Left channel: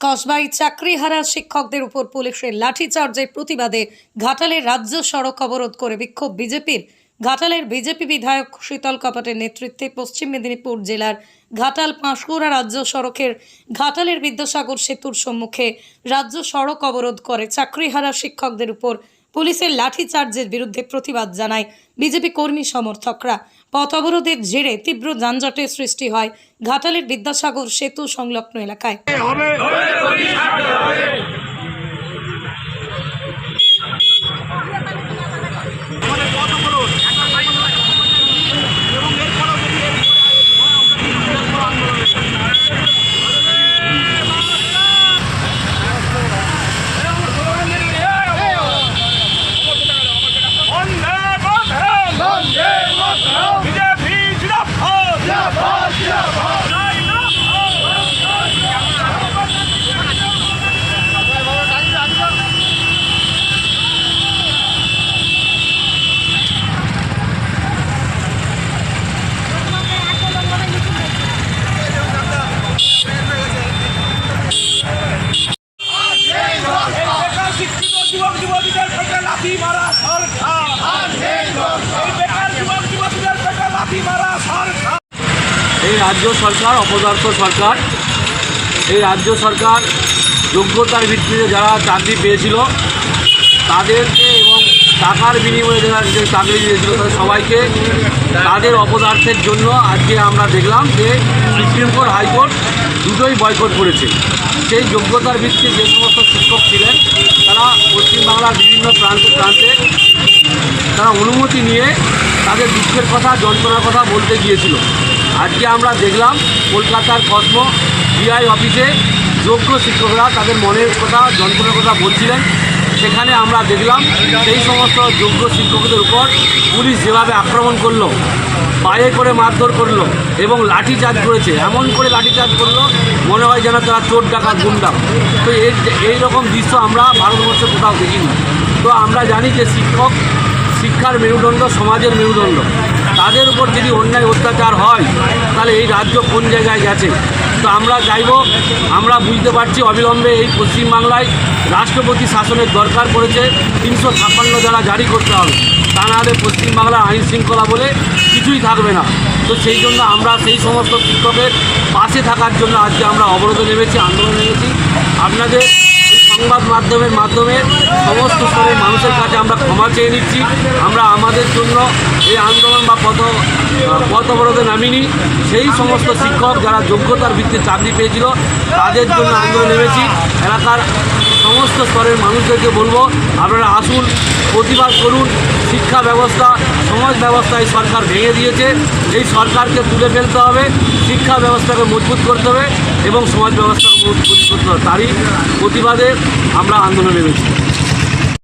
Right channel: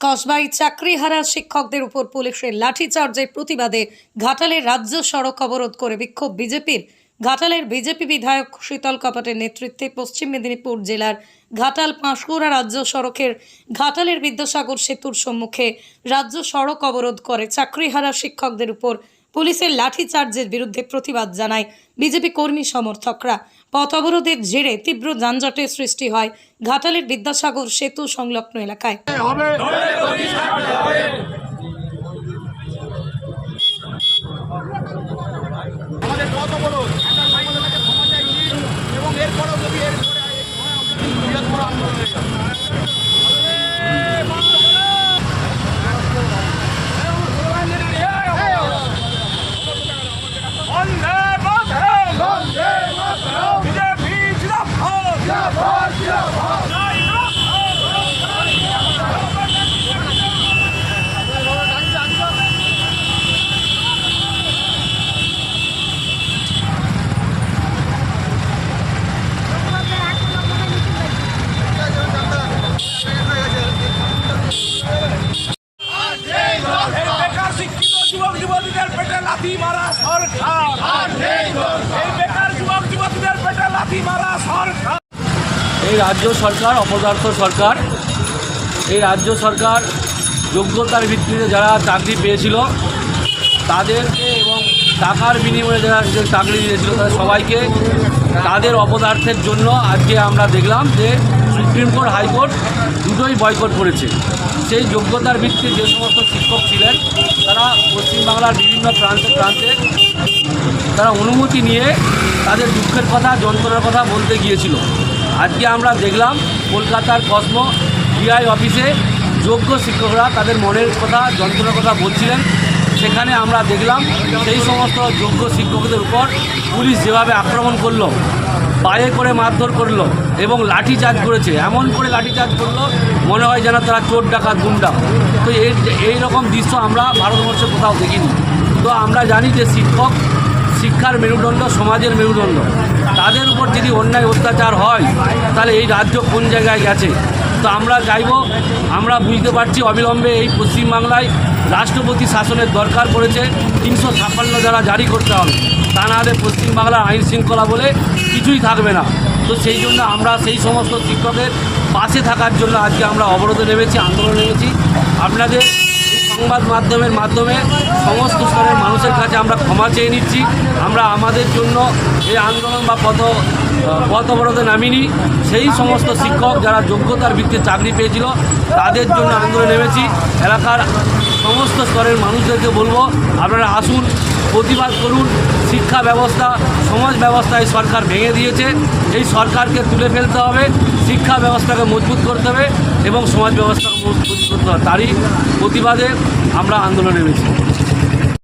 কসবাই চাকরিহারা শিক্ষকদের উপর পুলিশের লাঠিচার্জের প্রতিবাদে ঘাটালের রাজ্য সড়ক অবরোধ করে বিক্ষোভ বিজেপির। ঘাটালের বিজেপি বিধায়ক শীতল কপাটের নেতৃত্বে পশ্চিম মেদিনীপুর জেলার ঘাটাল পাঁশকুড়া রাজ্য সড়কের ঘাটালের বিদ্যাসাগর সেতুর সম্মুখে রাজ্য সড়ক অবরোধ করে চাকরিহারা শিক্ষকদের উপর পুলিশের লাঠিচার্জের বিরুদ্ধে প্রতিবাদ জানায় বিজেপি কর্মী সমর্থকরা। পথ অবরোধের জেরে তীব্র যানজটের সৃষ্টি হয় ঘাটালের বিদ্যাসাগর সেতু সংলগ্ন এলাকায় এর পরে হয় আমরা কিন্তু বৃহত্তর আন্দোলন বেকার শিক্ষিত যুবক যুবতীদের পেটে লাথি মারা সরকার। এই বেকার যুবক যুবতীদের পেটে লাথি মারা সরকার। এই রাজ্য সরকার, অপদার্থ সরকার, এই রাজ্য সরকার যোগ্যতার ভিত্তিতে যারা চাকরি পেয়েছিল, তাদেরকে এবং টাকার বিনিময়ে যারা যে চাকরি দিয়েছিল, তাদের সবাইকে তাদের অপদার্থের জন্য আজকে আমরা দেখলাম যে সুপ্রিম কোর্ট হাইকোর্ট দুটোই বয়কট করেছে। সেই যোগ্যতার ভিত্তিতে যে সমস্ত শিক্ষক ছিলেন, তারা পশ্চিমবাংলার বিভিন্ন প্রান্তে প্রান্তে তারা অনুমতি নিয়ে তাদের দুঃখের কথা, যন্ত্রণার কথা বলতে গিয়েছিল। আজকে আমরা দেখলাম কলকাতার কসমো ডিআই অফিসে যোগ্য শিক্ষকরা তাদের মনের কথা, যন্ত্রণার কথা বলছিলেন। সেখানে আমরা দেখলাম সেই সমস্ত যোগ্য শিক্ষকদের উপর পুলিশ যেভাবে আক্রমণ করল পায়ে করে মারধর করল এবং লাঠিচার্জ করেছে। এমন করে লাঠিচার্জ করল, মনে হয় যেন তারা চোর ডাকাত, গুন্ডা। তো এই রকম দৃশ্য আমরা ভারতবর্ষে কোথাও দেখিনি। তো আমরা জানি যে শিক্ষক শিক্ষার মেরুদণ্ড, সমাজের মেরুদণ্ড। তাদের উপর যদি অন্যায় অত্যাচার হয়, তাহলে এই রাজ্য কোন জায়গায় গেছে? তো আমরা চাইব আমরা বুঝতে পারছি অবিলম্বে এই পশ্চিমবাংলায় রাষ্ট্রপতি শাসনের দরকার পড়েছে। তিনশো ছাপ্পান্ন দ্বারা জারি করতে হবে। তা না হলে পশ্চিমবাংলার আইন শৃঙ্খলা বলে কিছুই থাকবে না। তো সেই জন্য আমরা সেই সমস্ত শিক্ষকের পাশে থাকার জন্য আজকে আমরা অবরোধে নেমেছি, আন্দোলন নেমেছি। আপনাদের সংবাদ মাধ্যমের মাধ্যমে সমস্ত স্তরের মানুষের কাছে আমরা ক্ষমা চেয়ে নিচ্ছি। আমরা আমাদের জন্য এই আন্দোলন বা পথ পথ অবরোধে নামিনি। সেই সমস্ত শিক্ষক যারা যোগ্যতার ভিত্তিতে চাকরি পেয়েছিল, তাদের জন্য আন্দোলন নেমেছি। এলাকার সমস্ত স্তরের মানুষদেরকে বলব, আপনারা আসুন, প্রতিবাদ করুন, শিক্ষা ব্যবস্থা, সমাজ ব্যবস্থা এই সরকার ভেঙে দিয়েছে। এই সরকারকে তুলে ফেলতে হবে, শিক্ষা ব্যবস্থাকে মজবুত করতে হবে এবং সমাজ ব্যবস্থাকে মজবুত করতে হবে। তারই প্রতিবাদে আমরা আন্দোলনে নেমেছি।